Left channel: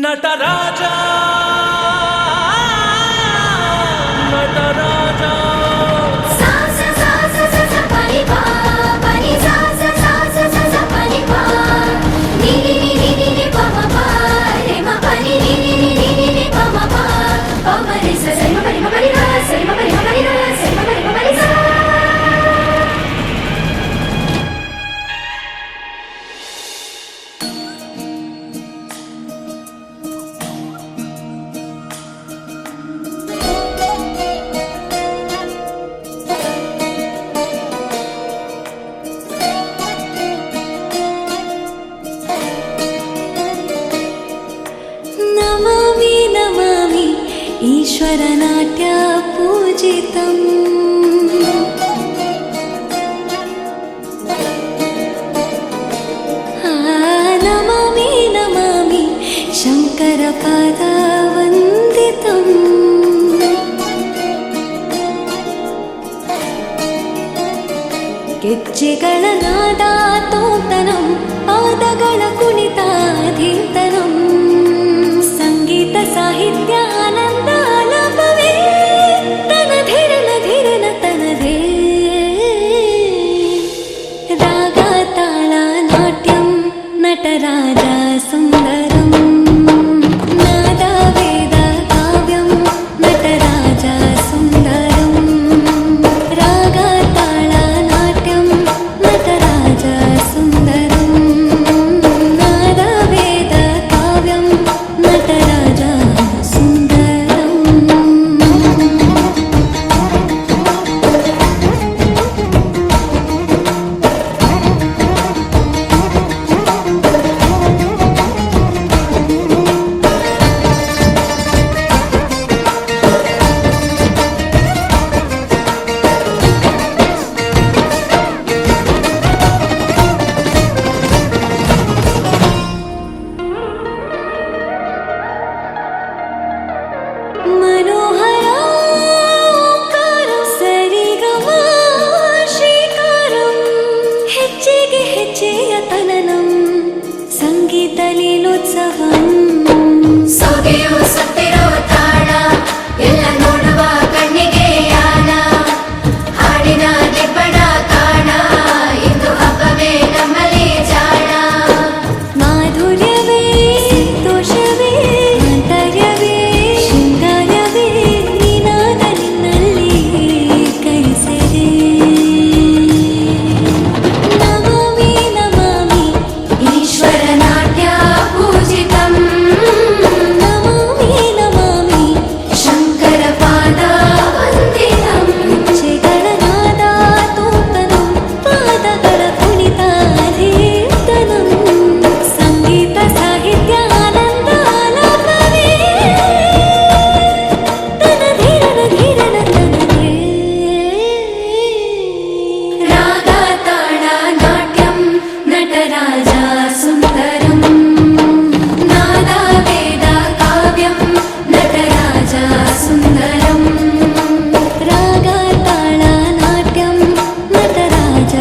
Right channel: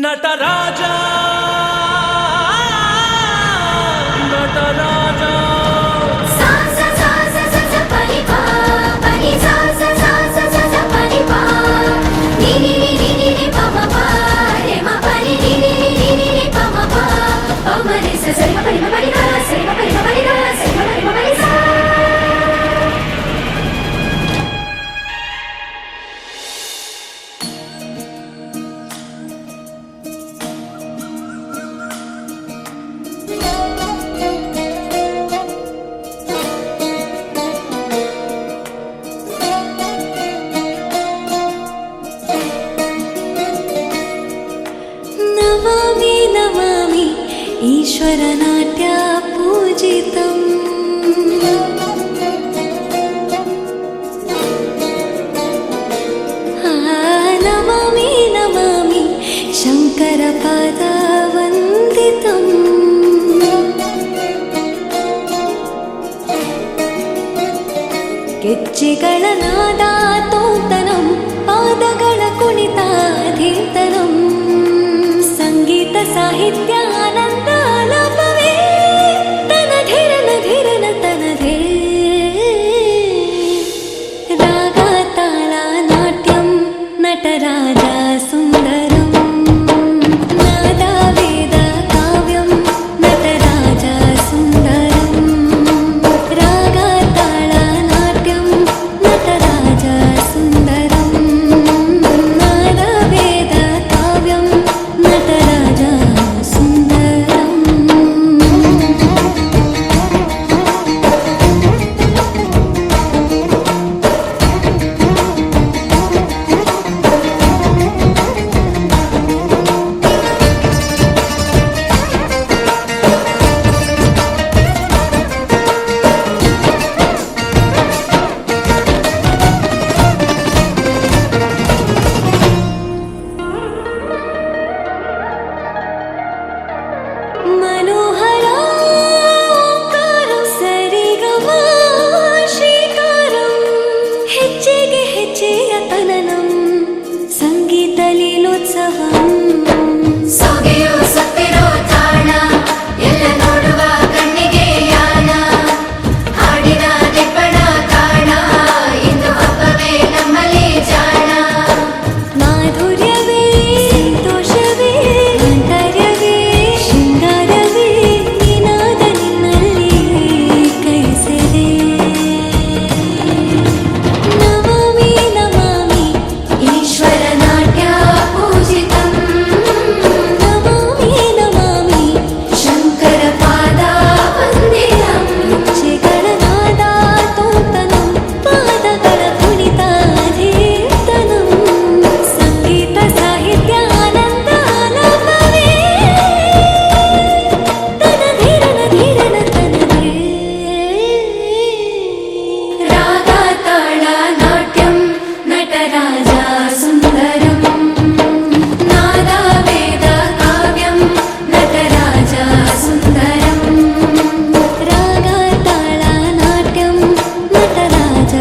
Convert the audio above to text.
ನಟರಾಜ ನಟರಾಜ ನಮಾಮಿ ನಮಾಮಿ ಈಶ್ವರ ನಾಟ್ಯ ಪೂಜಿತಂ ನಮಾಮಿ ನಮಾಮಿ ಶಂಕರ ಪಾದ ವಂದಿತಂ ಗೆಜ್ಜೆಗಳ ನಾದ ತೋಂತನಂ ಪಾದಗಳ ಕುಣಿತ ಧೀರ್ತನಂ ಸಂಗೀತ ಸಾಹಿತ್ಯ ಆನಂದ ಆಲಾಪವೇ ತನಧೀರನ ಧೀರನ ತನಧೇ ರಾಗ ತಾಳ ನಾಟ್ಯಂ ನಟರಾಜ ಸುಂದರಂ ನಾದ ವೇದ ಕಾವ್ಯಂ ನಟರಾಜ ಸುಂದರಂ ರಾಗ ತಾಳ ನಾಟ್ಯಂ ನಟರಾಜ ಸುಂದರಂ ನಾದ ವೇದ ಕಾವ್ಯಂ ನಟರಾಜ ಸುಂದರಂ ಮನೋಹರ ಓಂಕಾರಂ ಸರಿಗಮ ಶ್ರೀಕಾರಂ ಹೆಜ್ಜೆಗೆ ಹೆಜ್ಜೆಯ ತನನಂ ಸಂಗೀತ ಲೀಲೋತ್ಸವಂ ಸೊಗೆಯೋ ಸುತ್ತಿರೋ ತಾಣ ಎಲ್ಲ ನೋಡುವ ಕಣ್ಣಿಗೆ ಯಾನ ಹಾಡಿನ ದಿಬ್ಬಣ ಕಾಣ ಇಂದು ಹಬ್ಬವೇ ನಮ್ಮಲ್ಲಿ ಜಾಣ ಮಾಧುರ್ಯವೇ ಸಂತೋಷವೇ ಆಂತರ್ಯವೇ ಶೃಂಗಾರವೇ ನೀನಾದ ನಿನ್ನಲ್ಲಿ ಕೈಸೆರೆ ನಮಾಮಿ ನಮಾಮಿ ಈಶ್ವರ ನಾಟ್ಯ ಪೂಜಿತಂ ನಮಾಮಿ ನಮಾಮಿ ಶಂಕರ ಪಾದ ವಂದಿತಂ ಗೆಜ್ಜೆಗಳ ನಾದ ತೋಂತನಂ ಪಾದಗಳ ಕುಣಿತ ಧೀರ್ತನಂ ಸಂಗೀತ ಸಾಹಿತ್ಯ ಆನಂದ ಆಲಾಪವೇ ತನಧೀರನ ಧೀರನ ತನಧೇ ರಾಗ ತಾಳ ನಾಟ್ಯಂ ನಟರಾಜ ಸುಂದರಂ ನಾದ ವೇದ ಕಾವ್ಯಂ ನಟರಾಜ ಸುಂದರಂ ರಾಗ ತಾಳ ನಾಟ್ಯಂ ನಟರಾಜ